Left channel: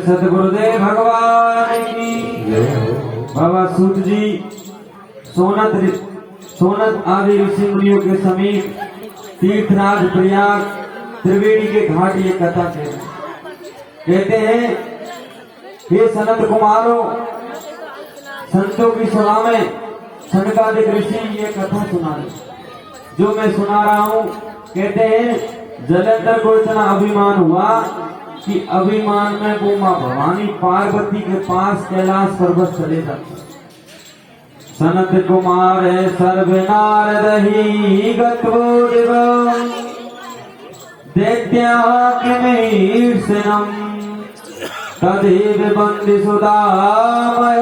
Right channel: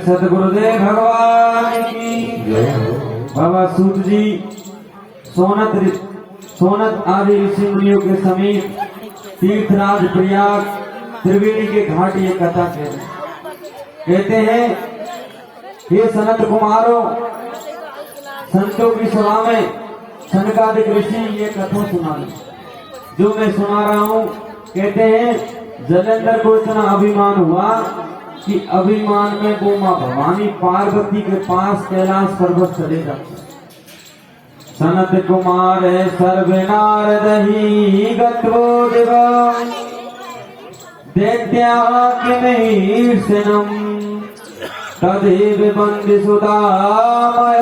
सतगुरुदेव भगवान की। बाबा सूत जी सोनत आदि ऋषि मुनियों के समीप तीर्थराज प्रयाग त्रिवेणी के घाट ये कथा कहते हैं, हे सनत कुमारों, संतों की सभा में सनकादिक ऋषि ये कथा सुना जो मैं सुना रहा हूँ। कहते हैं जलेंद्र को इतना अभिमान हुआ कि अभिमान में वो मां भवानी पार्वती के पास कैलाश पर्वत चलेगा। सनत कुमार सर्वनार दही गत्वो दिव दैत्याकिमीर्षणम् तदेव वन्दि सुदामयम्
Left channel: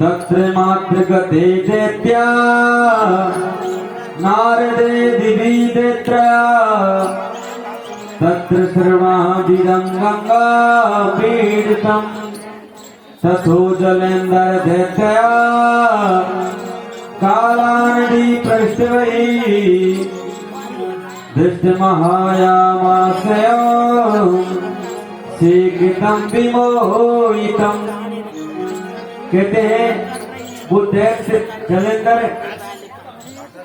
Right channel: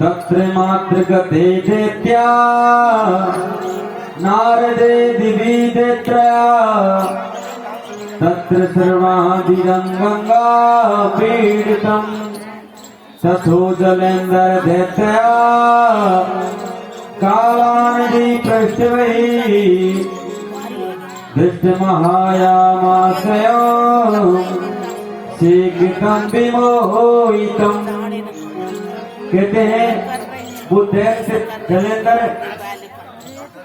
तत्र मात्र गते दैत्या नारदे दिविदेत्रया तत्र सर्वाभिरं गंगा पीडितम् तथो जलेन्द्र दैत्या कालानदी पृष्ठवै दृष्टमहायामाश्रयम् शीघ्रं विमोहितम्। कहते हैं वो दैत्य जलेन्द्र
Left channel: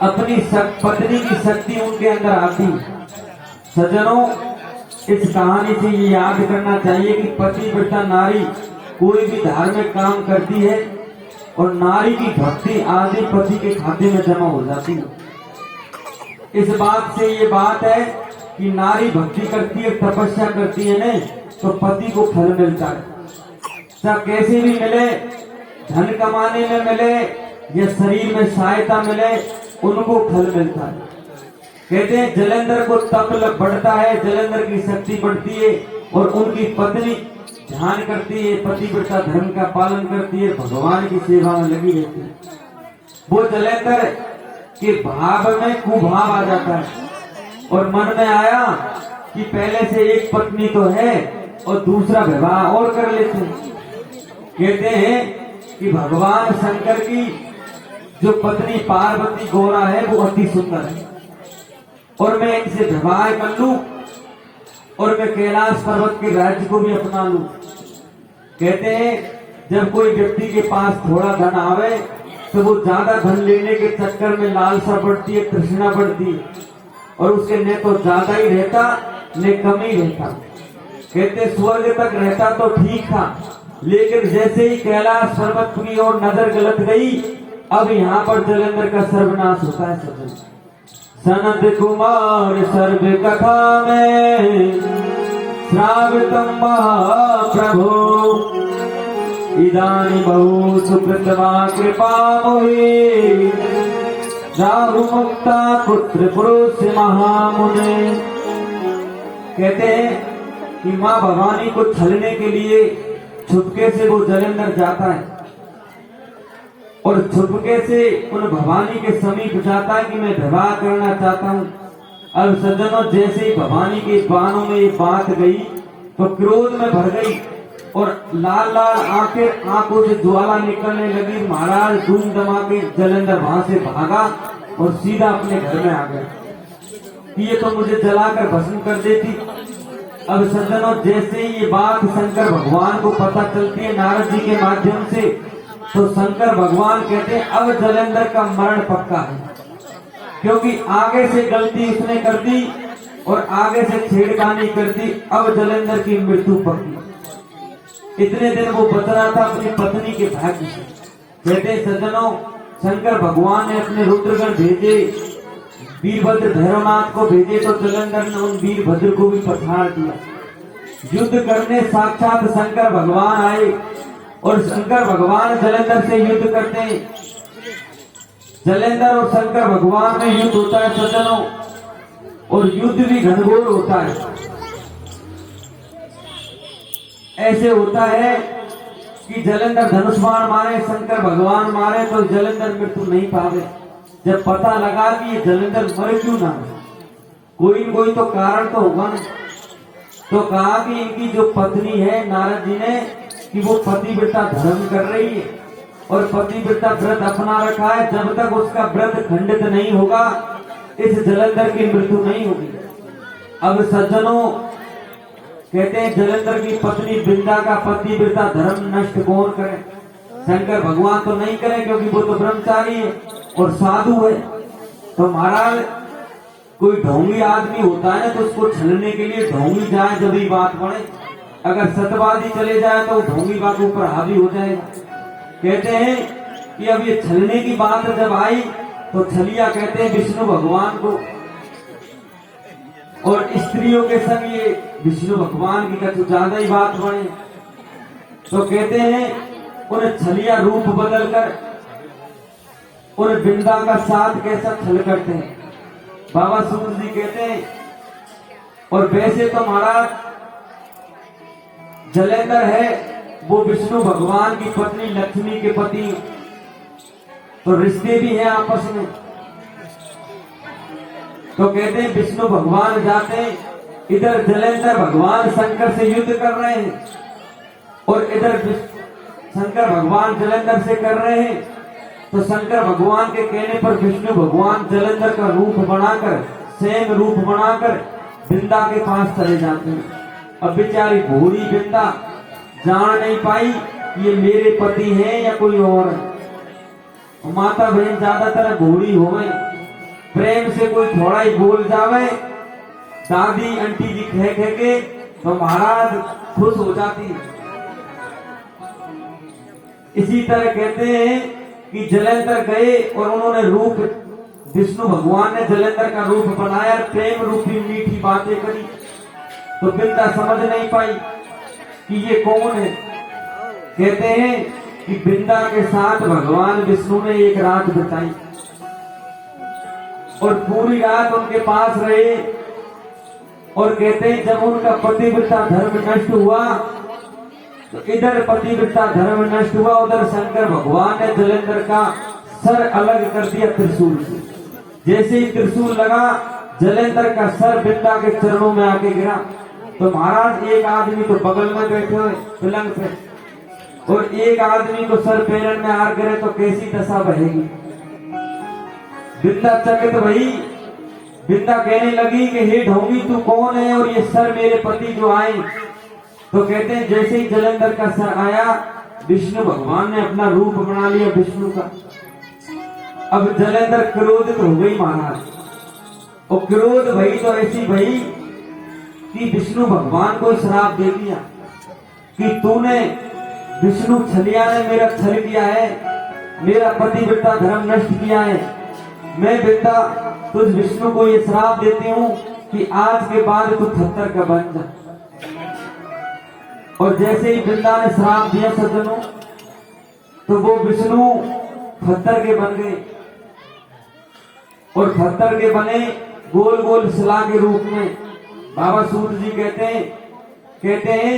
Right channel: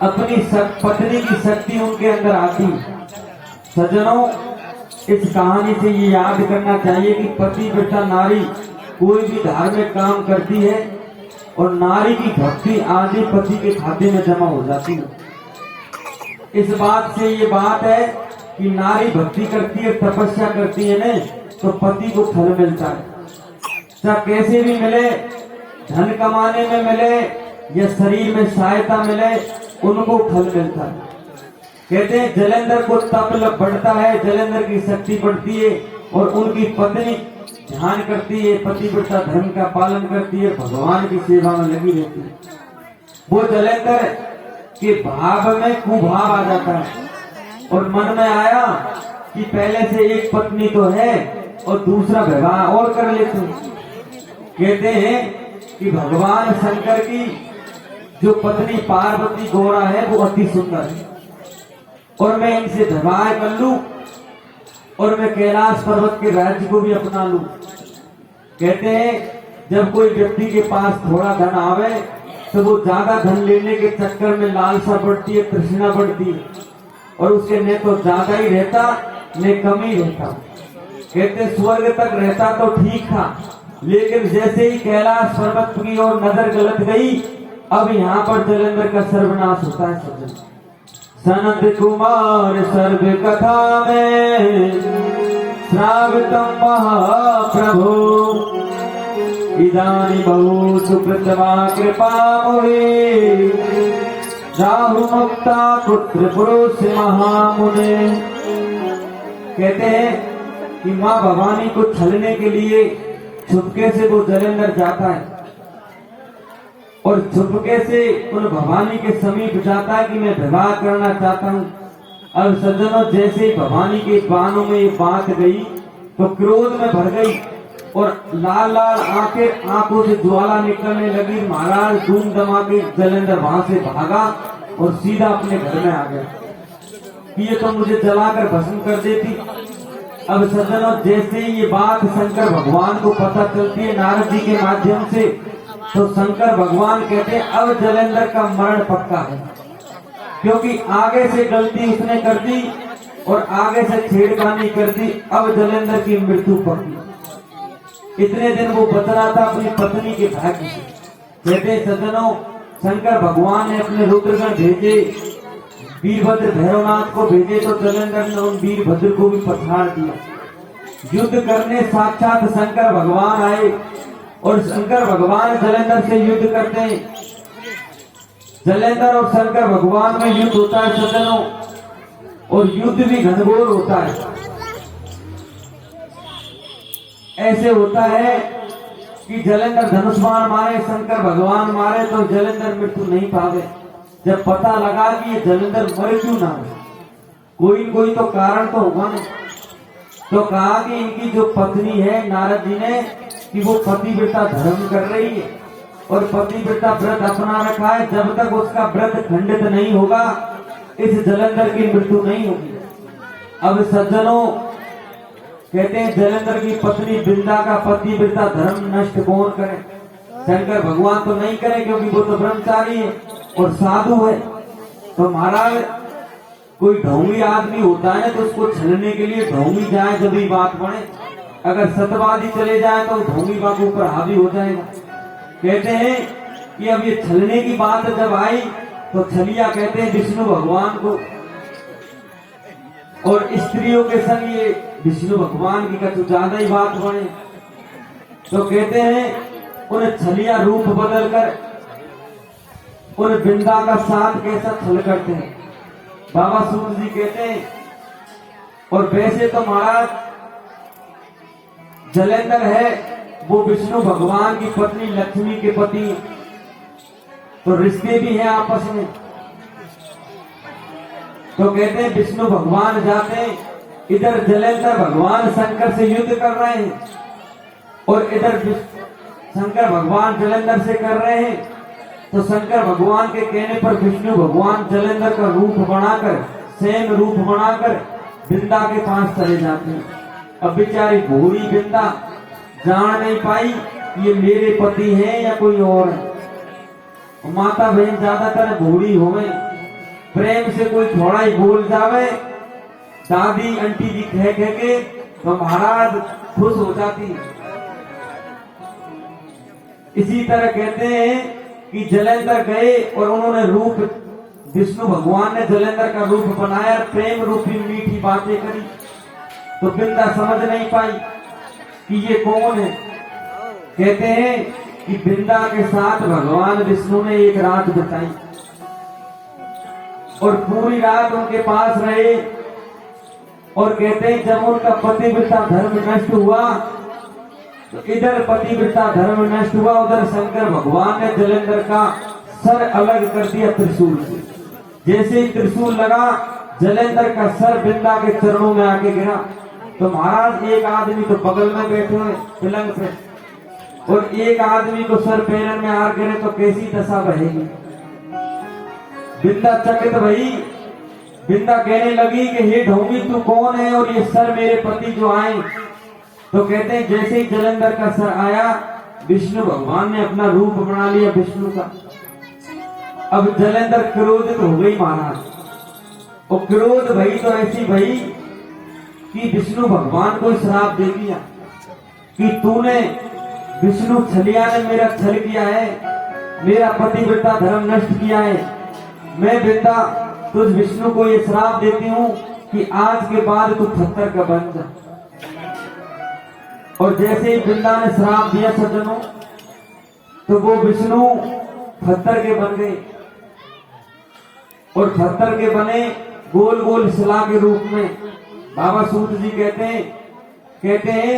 अपनी पत्नी की शक्ति उनके अंदर आती। सज्जनों, इस कहानी से ये याद करना चाहिए कि पति वृता नारी कोई भी धार्मिक काम करती है और नारी की भक्ति आदि पति के खाते में जमा हो जाती है। इस बात से ये बात है कि नारी भक्ति करती है, तपस्या करती है नहीं तो पति को फल मिलता है। चाहे कैसे भी मिले, धन कमाने में मिले या शरीर में सहायता मिले, उनको फल मिलता है। कहते हैं जलेंद्र को तप बढ़ता है, जलेंद्र की शक्ति बढ़ती है और उनकी पत्नी ध्यान करती है, पतिव्रता धर्म का पालन करती है, भगवान की सेवा में लगी रहती है। वो जलेंद्र के भाव में कुभाव आ जाता है और मन में आया कि पहले से एक पत्नी तो है और दूसरा विवाह और कर लेते हैं। कहते हैं कि भगवान शंकर की जो पत्नी पार्वती गौरा है वो अति सुंदर है और मैं इनसे विवाह कर लूं और मैं कैलाश पर्वत के राज्य को भी अपना लूं। कहते हैं जब कोई व्यक्ति के पास थोड़ा धन आवे तो वो ज्यादा धन लेने के चक्कर में लालसा बढ़ती है, तृष्णा बढ़ती है और उसके न तो ज्यादा ही रहता न कम ही रहता। कहते स्वर्ग तक रहता तो ठीक था, लेकिन जैसे ही कैलाश पर्वत की ओर नजर गलत गई, अब यहाँ पर जलेंद्र का सर्वनाश होता है। सज्जन, सनत कुमार सर्व कथा में श्रावितम महाप्रभु, इदानी बहु सुकृतमा कृपा मोहि, राहु मुक्ता पुत्र पुरुष महामुने। कहते हैं कि माँ भवानी को छलने के लिए छुपके से वो जलेंद्र जाता है और छुपके से उन भवानी के समीप जाता है कि मैं विवाह करना चाहता हूँ। अब सज्जनों, जैसे ही भवानी के बाणों में ये बात गई तो क्रोध में भर गई और लाल लाल आंखों से ज्वाला निकलने लगी। महाराज धूम दमा के जलेंद्र वहां से भागा और सीधा अपने घर में आ गया। ये तो मुझे जलाकर भस्म कर देती। अब सज्जनों, जैसे ही ये बात शंकर भगवान को पता चलती है नारद जी के माध्यम से, तो शंकर भगवान कहते हैं अब जलेंद्र का मरण पक्का है, क्योंकि आगे से गलती उसने कर दी और आगे से छेड़खानी कर दी। अब जलेंद्र की मृत्यु पक्की। इतने दिन वो बच रहा था अपनी पत्नी के भाग्य से। कहते सज्जनों, शंकर भगवान ने अपने रुद्रगण भेजे, वीरभद्र भैरवनाथ को भेजे, तो जलेंद्र ने उन वीरभद्र को भी पछाड़ दिया। युद्ध करने साक्षात शंकर भगवान आए और शंकर भगवान जलेंद्र से युद्ध करते हैं। जलेंद्र और शंकर भगवान में युद्ध होता है सज्जनों, और युद्ध भी घनघोर होता है। ऐसे होता है कि जलेंद्र धनुष बाण मारे, शंकर भगवान मारे, तो जलेंद्र मृत्यु नहीं पावे। जब पता लगा कि ये जलेंद्र मरे क्यों ना, कोई तो कारण तो होगा ना। तो कहा कि इनकी जो पत्नी है, नारद जी ने, कि वो पतिव्रता धर्म कर रही है और पतिव्रता व्रत अपना रखा है। जब तक उसका व्रत खंडित नहीं होगा, इस जलेंद्र की मृत्यु नहीं होगी। अब सज्जनों, कहते हैं जलेंद्र की पत्नी बिंदा का पतिव्रता धर्म नष्ट कौन करे? शंकर भगवान तो नहीं करे, क्योंकि वो तो ब्रह्मचारी है और साधु है। तो महाराज, कोई ढोंगी आदमी होता है तो उसको छलने के लिए ढोंगी जाए जब ही बात बढ़े। अगर सतवादी चले जाए तो ढोंगी बात ऊपर हावी हो जाएगा। कहते हैं कि अब ये छलने की बात जब आई तो छलिया कहते हैं विष्णु भगवान को, और स्त्रियों के संग ये विष्णु भगवान की कुछ ज्यादा ही बात बढ़े। तो कहते हैं उन्हें छलिया रूप बदलकर उन बिंदा का साथ कैसा छल करते हैं। बाबा सूरज जी कहते हैं, और वैसे तो महाराज जलेंद्र है वो विष्णु भगवान की पत्नी लक्ष्मी के पति, तो रिश्ते भी हैं आपस में। तो कहते हैं विष्णु भगवान जाते हैं, इधर जलेंद्र भगवान शंकर से युद्ध कर रहे हैं और इधर शंकर भगवान जलेंद्र से कर रहे हैं। तो शंकर भगवान के कहने पर विष्णु भगवान जलेंद्र का रूप बनाकर, सेम रूप बनाकर बिंदा के पास चले जाते हैं। अब बेचारी भोरी बिंदा जान नहीं पाई ये मेरे पति हैं या कोई और है। माता बहन ज्यादातर भोरी हो गई, प्रेम से कोई थोड़ा ही बोल जावे, दादी आंटी जी कह के तो महाराज खुश हो जाती। इसी तरह कहते हैं कि जलेंद्र गए और उन्होंने रूप, विष्णु भगवान ने जलेंद्र का रूप बनाया, प्रेम रूपी मीठी बातें करी। तो बिंदा समझ नहीं पाई कि ये कौन है। कहते हैं कि बिंदा के साथ भगवान विष्णु ने एक रात बिताई और पूरी रात उनके पास रहे। और कहते हैं जब उनका पतिव्रता धर्म नष्ट हुआ तो इधर पतिव्रता धर्म नष्ट हुआ, उधर शंकर भगवान ने जलेंद्र का सर अलग कर दिया त्रिशूल से। जैसे ही त्रिशूल लगा, जलेंद्र का सर बिंदा के चरणों में आके गिरा। तो महाराज एक आदमी तो बगल में बैठे हुए पलंग पे, और एक आदमी को सर पैरन में आर गिरे तो कैसी दशा बहेगी। बिंदा चकित भई, बिंदा कहने लगी कि हे ढोंगी तू कौन है और ये सर मेरे पति जो आए। तो कहते हैं जैसे ही जलेंद्र का सर आया, विष्णु भगवान ने अपना रूप बना लिया विष्णु का। अब जलेंद्र क्रोधित हो गई महाराज, और क्रोध भई तो ऐसी भई कि विष्णु भगवान को श्राप दे दिया कि तूने विष्णु छलिया ने मेरा छल किया है, मेरा पतिव्रता धर्म नष्ट किया है। मैं बेटा तुझ विष्णु को ये श्राप देती हूँ कि आज के बाद तू पत्थर का बन जा। और जैसे ही वृंदा ने श्राप दिया सज्जनों, तो वो विष्णु पत्थर के बन गए और पत्थर के बने गोल गोल शिला के रूप में। बाबा सूत जी कहते हैं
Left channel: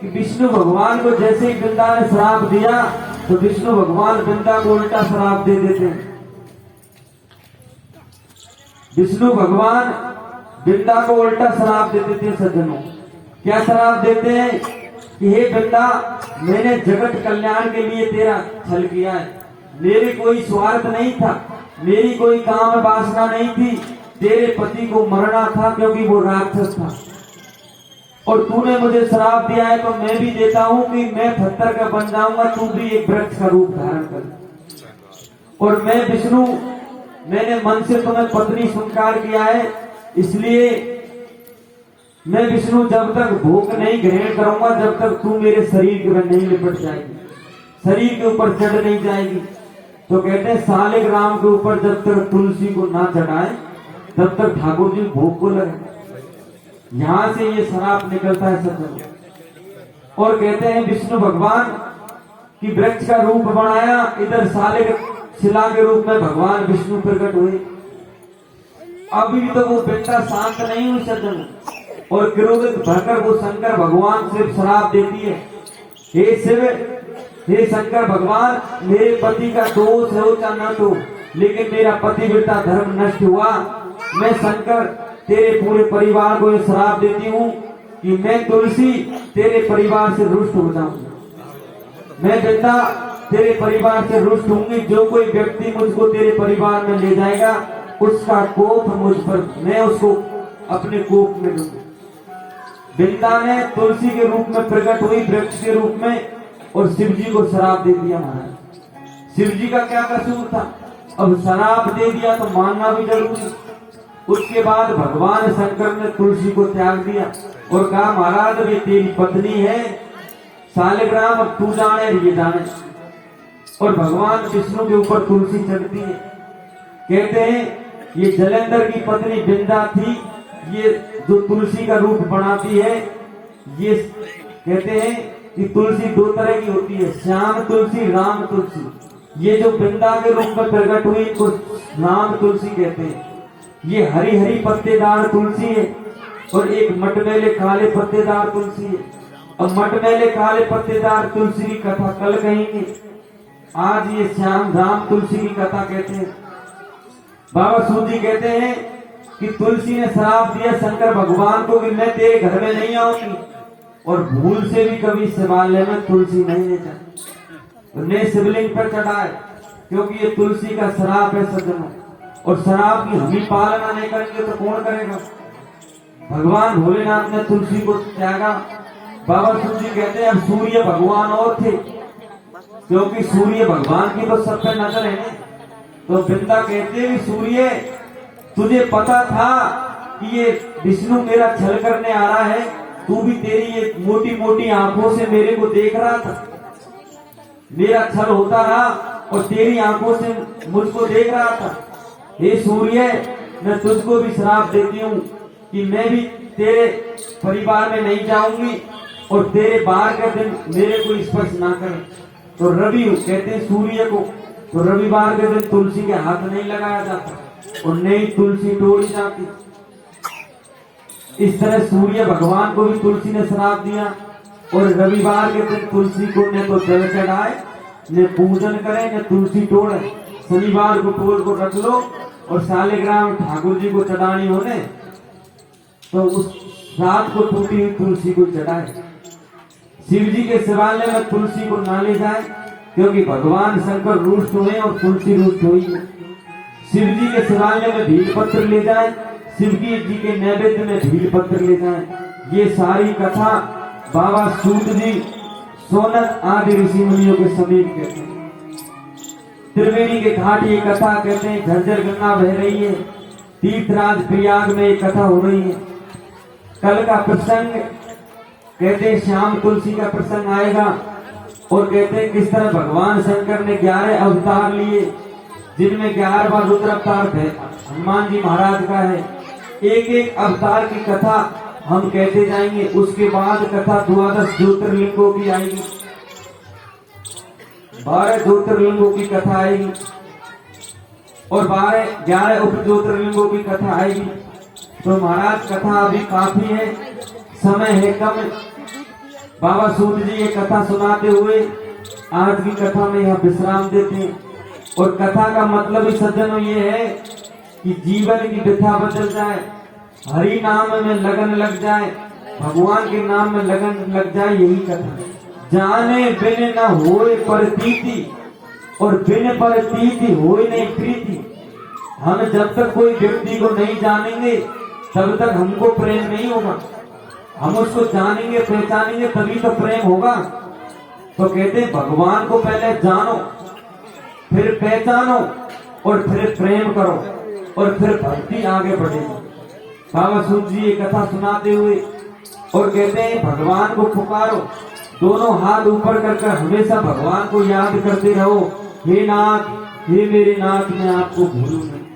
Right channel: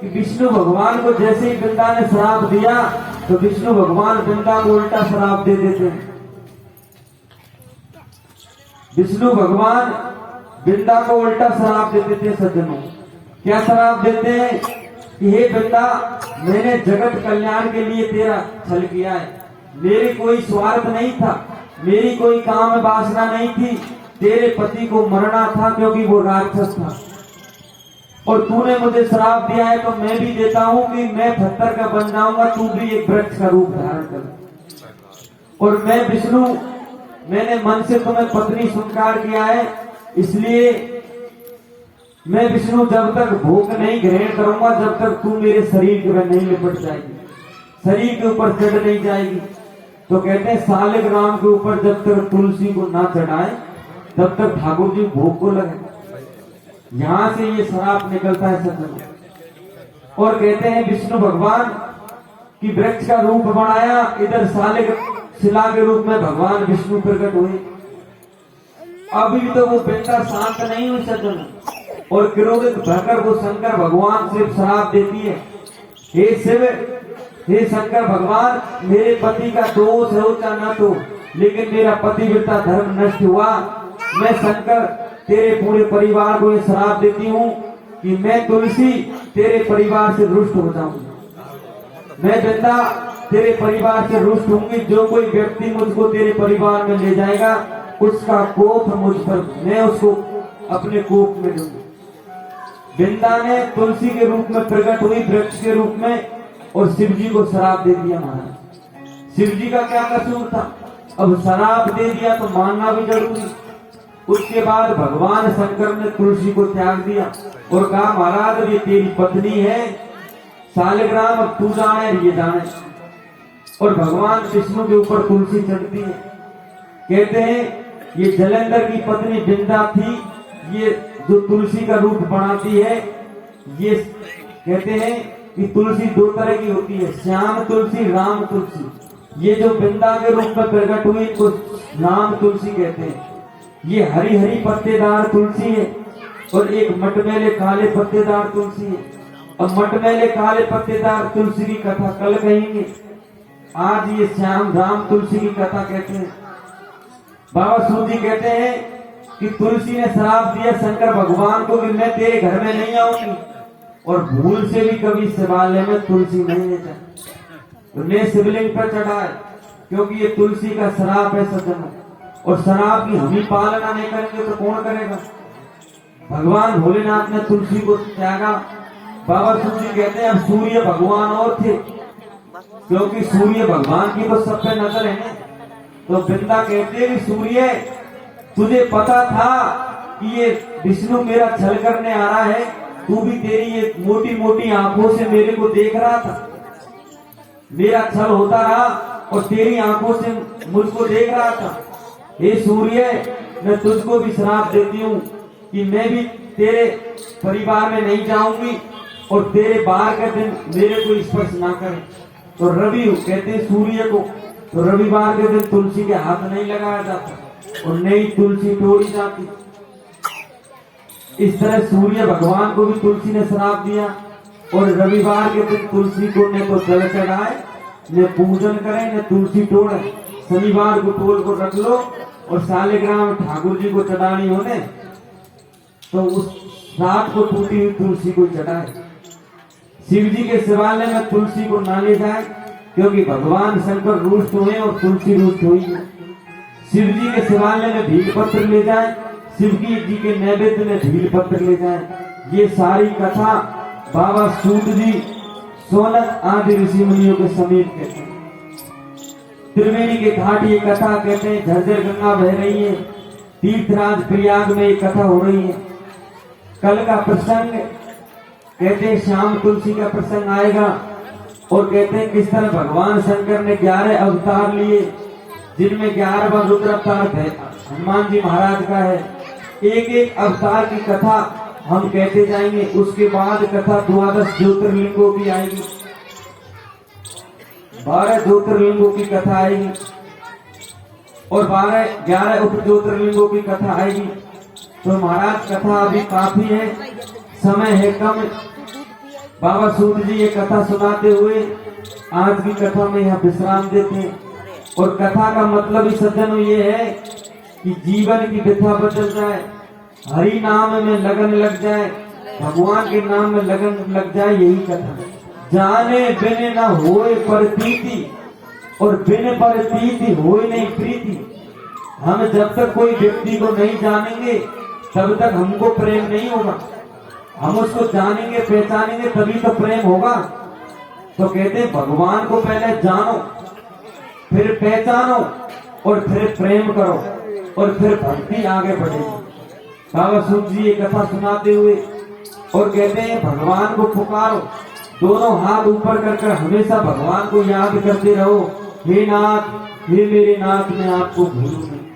कि विष्णु भगवान को जैसे ही वृंदा ने श्राप दिया तो विष्णु भगवान वृंदा को उल्टा श्राप दे देते हैं। विष्णु भगवान वृंदा को उल्टा श्राप दे देते हैं सज्जनों। क्या श्राप देते हैं कि हे वृंदा, मैंने जगत कल्याण के लिए तेरा छल किया है, मेरी कोई स्वार्थ नहीं था, मेरी कोई काम वासना नहीं थी, तेरे पति को मरना था क्योंकि वो राक्षस था और तूने मुझे श्राप दिया है, तो मैं भी देता हूं कि मैं पत्थर का बन जाऊंगा, तू भी एक वृक्ष का रूप धारण कर। और मैं विष्णु, मैंने मन से तुम्हें पत्नी स्वीकार किया है, इसलिए मैं विष्णु जब तक भोग नहीं ग्रहण करूंगा, जब तक तू मेरे शरीर के नहीं लिपट जाएगी, शरीर के ऊपर चढ़ नहीं जाएगी। तो कहते हैं सालिक राम के ऊपर जब तक तुलसी को ना चढ़ाए तब तक ठाकुर जी भोग को लगे। यहां से ये श्राप निकलता है सत्य। और कहते हैं विष्णु भगवान की वृक्ष का रूप बनाया, इधर सालिक शिला के रूप में भगवान विष्णु प्रकट हुए। अभी तो वो वृंदा शांत नहीं हुई सज्जन, और क्रोधित भरकर वो शंकर भगवान से श्राप देती है, हे शिव, हे शंकर भगवान, मेरे पति का दोष हो या न हो, लेकिन मेरा पतिव्रता धर्म नष्ट हुआ। मैं शंकर तेरे पूरे परिवार को ये श्राप देती हूँ कि मैं तुलसी तेरे परिवार से रुष्ट हो जाऊंगी। मैं बेटा तेरे परिवार से रुष्ट होंगी। जो कोई व्यक्ति मुझको तेरे परिवार में ले जाएगा उसका कोप मुझ पर, मैं उसको अपने कोप में लूंगी। वृंदा ने तुलसी के रूप में प्रकट हुई, वृक्ष के रूप में, और शिव जी को शराब दे दिया महाराज। शिव जी का क्या कसूर था? अब शराब दे दिया तो मानना भी जरूरी। उसके बाद भगवान शंकर ने तुलसी को त्याग दिया और कहा महाराज ये तेरी पत्नी है, सालिग्राम, अब तू जाने ये जाने। और भगवान विष्णु के ऊपर तुलसी चढ़ती है। कहते हैं ये जलेंद्र की पत्नी वृंदा थी, ये जो तुलसी का रूप बनाती है। ये कहते हैं कि तुलसी दो तरह की होती है, श्याम तुलसी, राम तुलसी। ये जो वृंदा के रूप में प्रकट हुई तो राम तुलसी कहते हैं। ये हरी हरी पत्तेदार तुलसी है और एक मटमैले काले पत्तेदार तुलसी है। और मटमैले काले पत्तेदार तुलसी की कथा कल कहेंगे, आज ये श्याम राम तुलसी की कथा कहते हैं। बाबा सूत जी कहते हैं कि तुलसी ने श्राप दिया शंकर भगवान को कि मैं तेरे घर में नहीं आऊंगी, और भूल से भी कभी शिवालय में तुलसी नहीं लेता, उन्हें शिवलिंग पर चढ़ाए, क्योंकि ये तुलसी का श्राप है सज्जनों। और श्राप की हम ही पालना नहीं करेंगे तो कौन करेगा? भगवान भोलेनाथ ने तुलसी को त्यागा। बाबा सूत जी कहते हैं अब सूर्य भगवान और थे, क्योंकि सूर्य भगवान की तो सब पे नजर है। तो वृंदा कहते हैं सूर्य, तुझे पता था कि ये विष्णु मेरा छल करने आ रहा है, तू भी तेरी ये मोटी मोटी आंखों से मेरे को देख रहा था, मेरा छल होता रहा और तेरी आंखों से मुझको देख रहा था। हे सूर्य, मैं तुझको भी श्राप देती हूँ कि मैं भी तेरे परिवार में नहीं जाऊंगी और तेरे बाहर के दिन मेरे को स्पर्श ना करे। तो रवि कहते हैं सूर्य को, तो रविवार के दिन तुलसी के हाथ नहीं लगाया जाता और नई तुलसी तोड़ी जाती। इस तरह सूर्य भगवान को भी तुलसी ने श्राप दिया और रविवार के दिन तुलसी को न तो जल चढ़ाए, न पूजन करे, न तुलसी तोड़े। शनिवार को तोड़ को रख लो और सालिग्राम ठाकुर जी को चढ़ानी होने तो उस रात को टूटी हुई तुलसी को चढ़ाए। शिव जी के शिवालय में तुलसी को ना ले जाए, क्योंकि भगवान शंकर रुष्ट हुए और तुलसी रुष्ट हुई है। शिव जी के शिवालय में भील पत्र ले जाए, शिव जी के नैवेद्य में भील पत्र ले जाए। ये सारी कथा बाबा सूत जी सोनक आदि ऋषि मुनियों के समीप कहते हैं। त्रिवेणी के घाट ये कथा कहते हैं, झरझर गंगा बह रही है, तीर्थराज प्रयाग में ये कथा हो रही है। कल का प्रसंग कहते हैं श्याम तुलसी का प्रसंग आएगा और कहते हैं किस तरह भगवान शंकर ने 11 अवतार लिए, जिनमें 11वां रुद्रावतार हनुमान जी महाराज का है। एक एक अवतार की कथा हम कहते जाएंगे। उसके बाद कथा 12 ज्योतिर्लिंगों की आएगी, 12 ज्योतिर्लिंगों की कथा आएगी और 11 उप ज्योतिर्लिंगों की कथा आएगी। तो महाराज कथा अभी काफी है, समय है कम। बाबा सूत जी ये कथा सुनाते हुए आज की कथा में यहाँ विश्राम देते हैं। और कथा का मतलब ही सज्जनों ये है कि जीवन की व्यथा बदल जाए, हरि नाम में लगन लग जाए, भगवान के नाम में लगन लग जाए, यही कथा। जाने बिन न होए प्रतीति और बिन प्रतीति होए नहीं प्रीति। हम जब तक कोई व्यक्ति को नहीं जानेंगे तब तक हमको प्रेम नहीं होगा। हम उसको जानेंगे पहचानेंगे तभी तो प्रेम होगा। तो कहते हैं भगवान को पहले जानो, फिर पहचानो और फिर प्रेम करो और फिर भक्ति आगे बढ़ेगी। बाबा सूत जी ये कथा सुनाते हुए और कहते हैं भगवान को पुकारो, दोनों हाथ ऊपर कर हमेशा भगवान को याद करते रहो। हे नाथ, हे मेरे नाथ, मैं आपको भूलूं नहीं।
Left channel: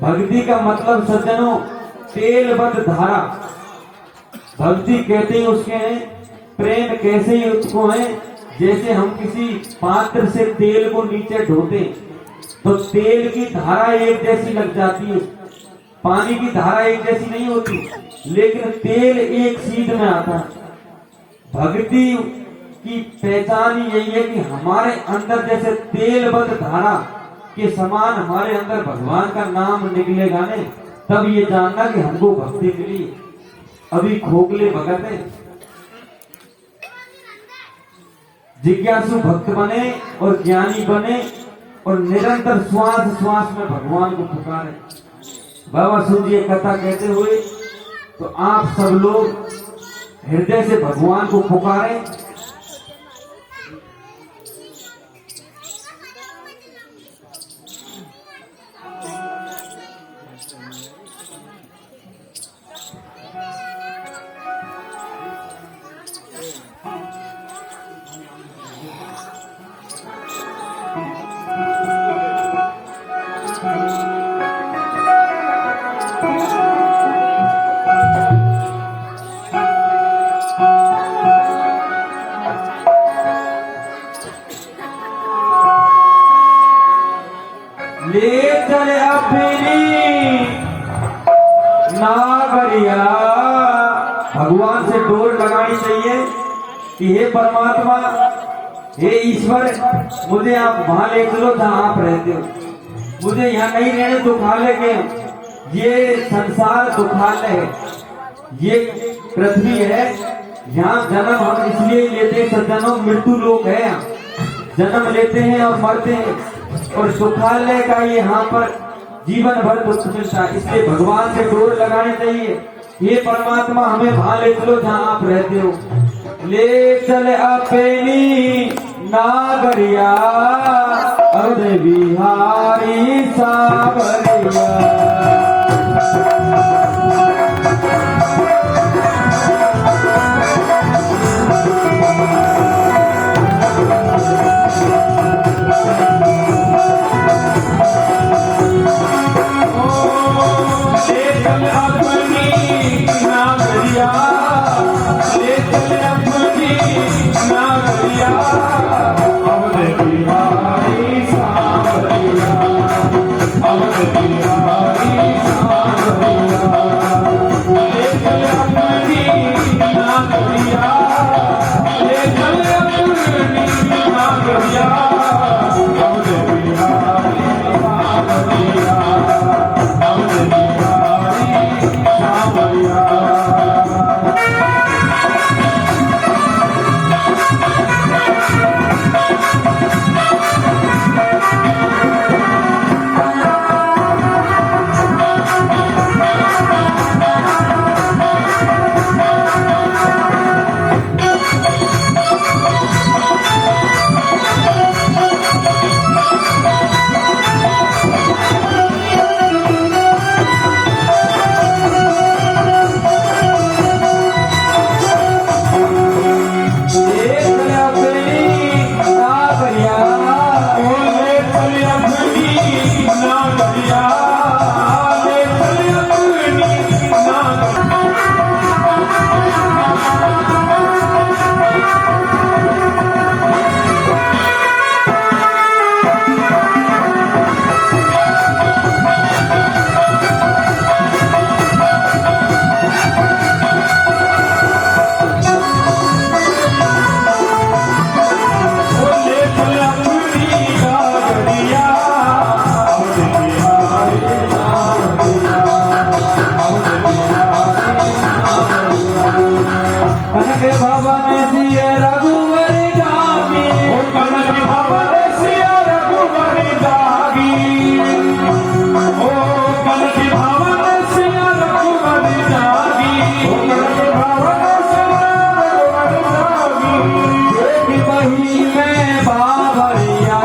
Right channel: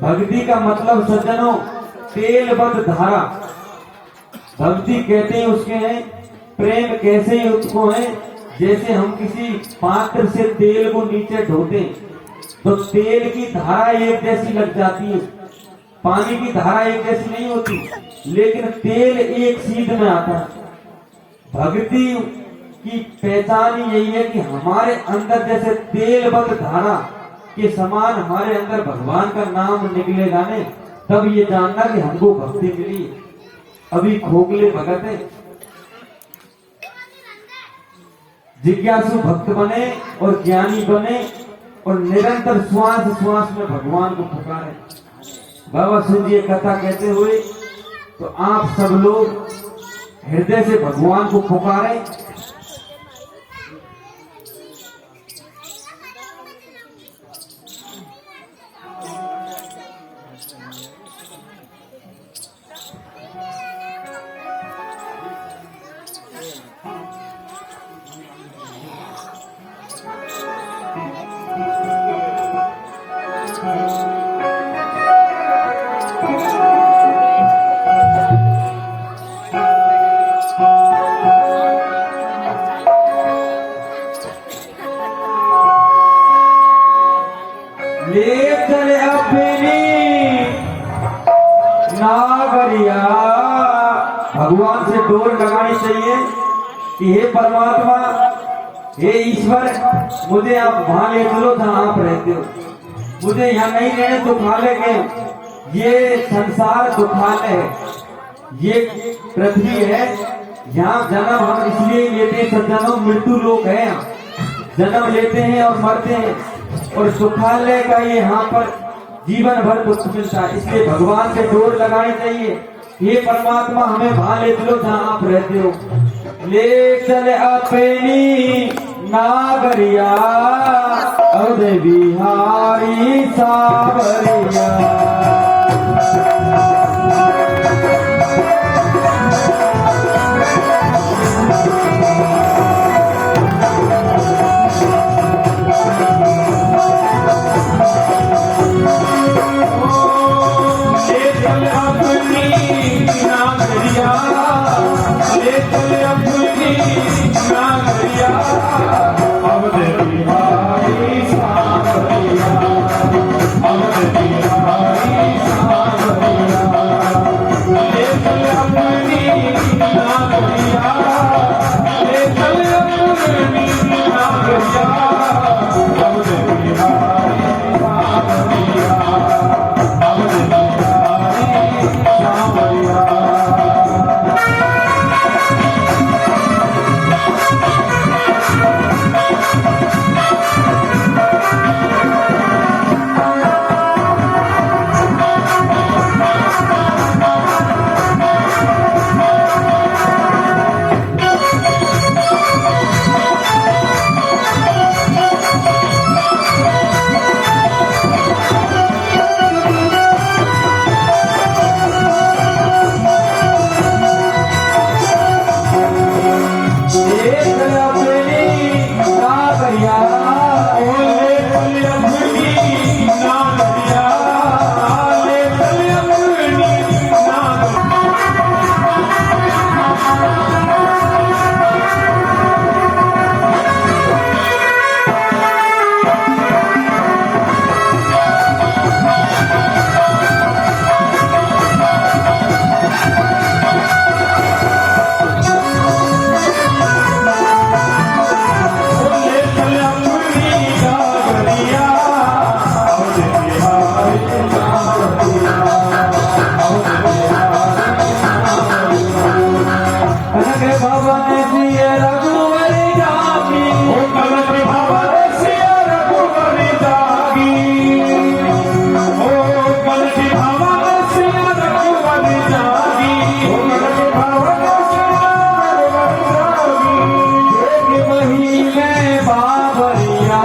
भक्ति का मतलब सज्जनों तेलबद्ध धारा। भक्ति कहते हैं उसके हैं प्रेम कैसे ही उसको है, जैसे हम किसी पात्र से तेल को नीचे ढोते तो तेल की धारा एक जैसी लग जाती है, पानी की धारा एक जैसी नहीं होती, लेकिन तेल एक सीध में आता है। भक्ति की पहचान यही है कि हमारे अंदर जैसे तेलबद्ध धारा के समान हमारे अंदर भगवान का नाम निकलेगा ने, तब ये जानना कि हमको भक्ति मिली। अभी खोखले भगत है, जिज्ञासु भक्त बने और ज्ञानी बने और निरंतर श्वास श्वास में भगवान को पुकारे। बाबा सूत जी कथा कहते हुए तो आप सब लोग हृदय से भगवान को पुकारें। ये चले अपनी नागरिया, भगवान से डोर लगानी चाहिए कि हे परमात्मा, हे ईश्वर, मुझे आप वहां ले चलो जहां आप रहते हो। मुझे यहाँ नहीं रहने दुखालय के, ये संसार दुखालय है, ये पृथ्वी है, यहाँ जन्म हम इसलिए लेते हैं, सज्जनों मृत्यु लोक है, जन्म लेते हैं और मरते हैं और सुखालय का ये यहाँ पर जीवन भर दुख मिलता है। इसलिए भगवान के डोर लगाने चाहिए। ये परमात्मा हमें वहां ले चलो जहाँ आप रहते हो। ले चले अपनी नागरिया, अवध बिहारी सावरिया। रघुवर जागी, मन भावन से रघुवर जागी, ओ मन भावन से रघुवर जागी, ओ मन भावन से रघुवर जागी, मही में बाबरिया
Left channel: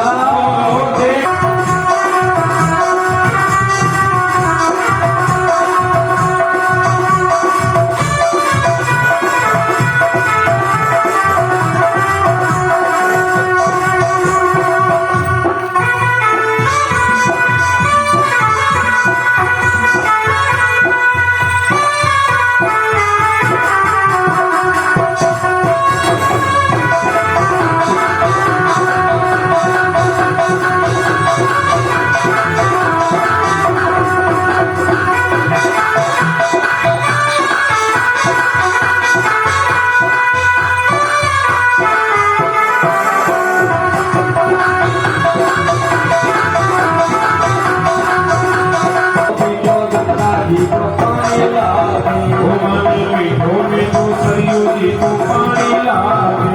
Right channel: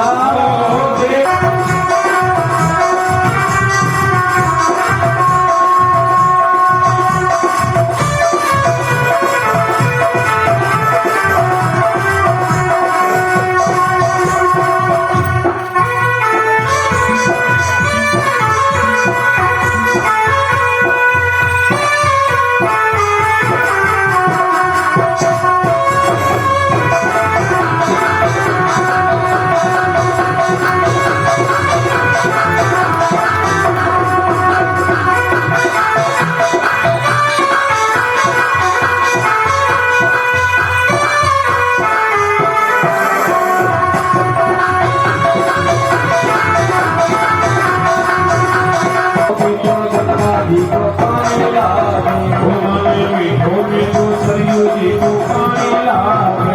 जी को पानी लागे, ओ मन मीठो मीठो सरयू जी को पानी लागे,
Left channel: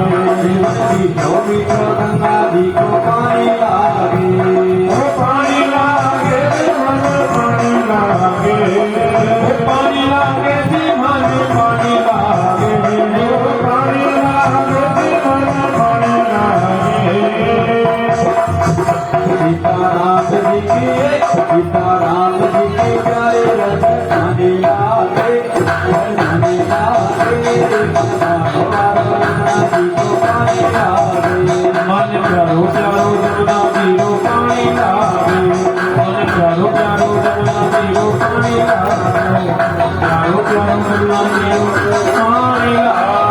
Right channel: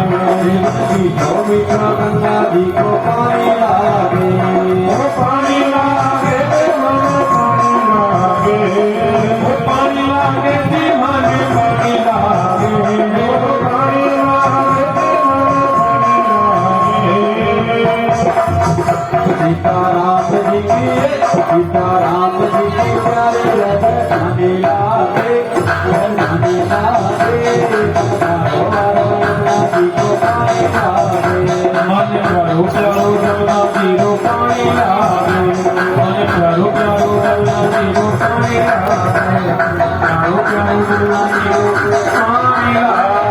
गंगा जी को पानी लागे, ओ पानी लागे, पानी लागे, ओ पानी लागे जी मांगे पानी लागे, ओ पानी लागे, पानी लागे। सीताराम जी की सीताराम जी के प्यारे रानी लागे, रानी लागे, जी को पानी लागे, मन प्यारो प्यारो रमना जी को पानी लागे, मन प्यारो प्यारो रमना जी को पानी लागे, प्यारो प्यारो रमना जी को पानी लागे।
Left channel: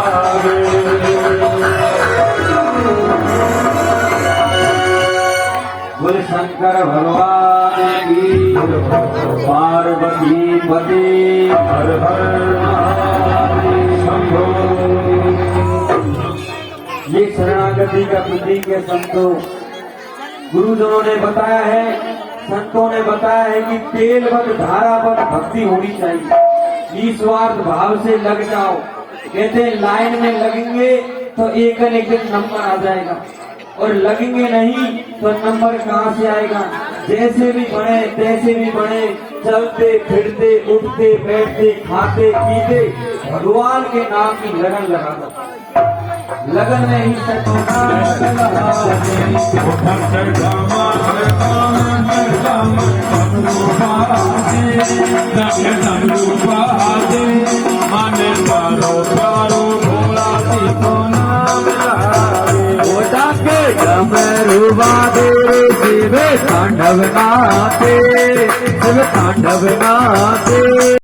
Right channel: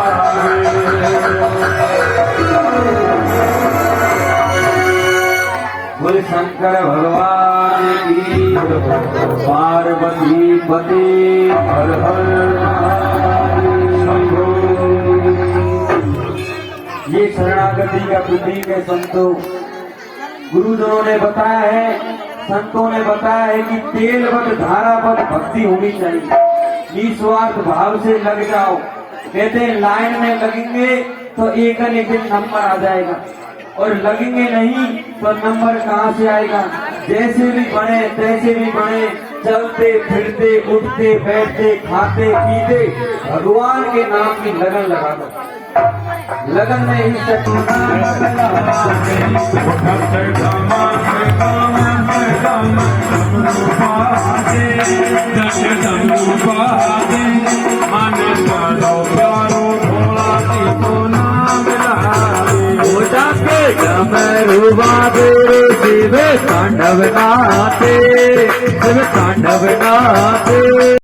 बोले शंकर भगवान की, पार्वती पति हर हर महादेव शंभो। ये शरणागति का प्रतीक है संतों। गुरुदेवों ने बताया है, संतों ने बताया है कि तेलवत धारावत भक्ति होनी चाहिए। निस्वार्थ भाव से लग जाओ। कहते हैं लाइन में लगेंगे तो एक न एक दिन नंबर आ जाएगा, और लगेंगे नहीं तो नंबर कहाँ से आएगा। जैसे भी बढ़े तैसे भी बढ़े, चलते फिरते उठते बैठते खाते पीते भगवान के नाम की लगन लगा दो। लगन में ही तांडव नाते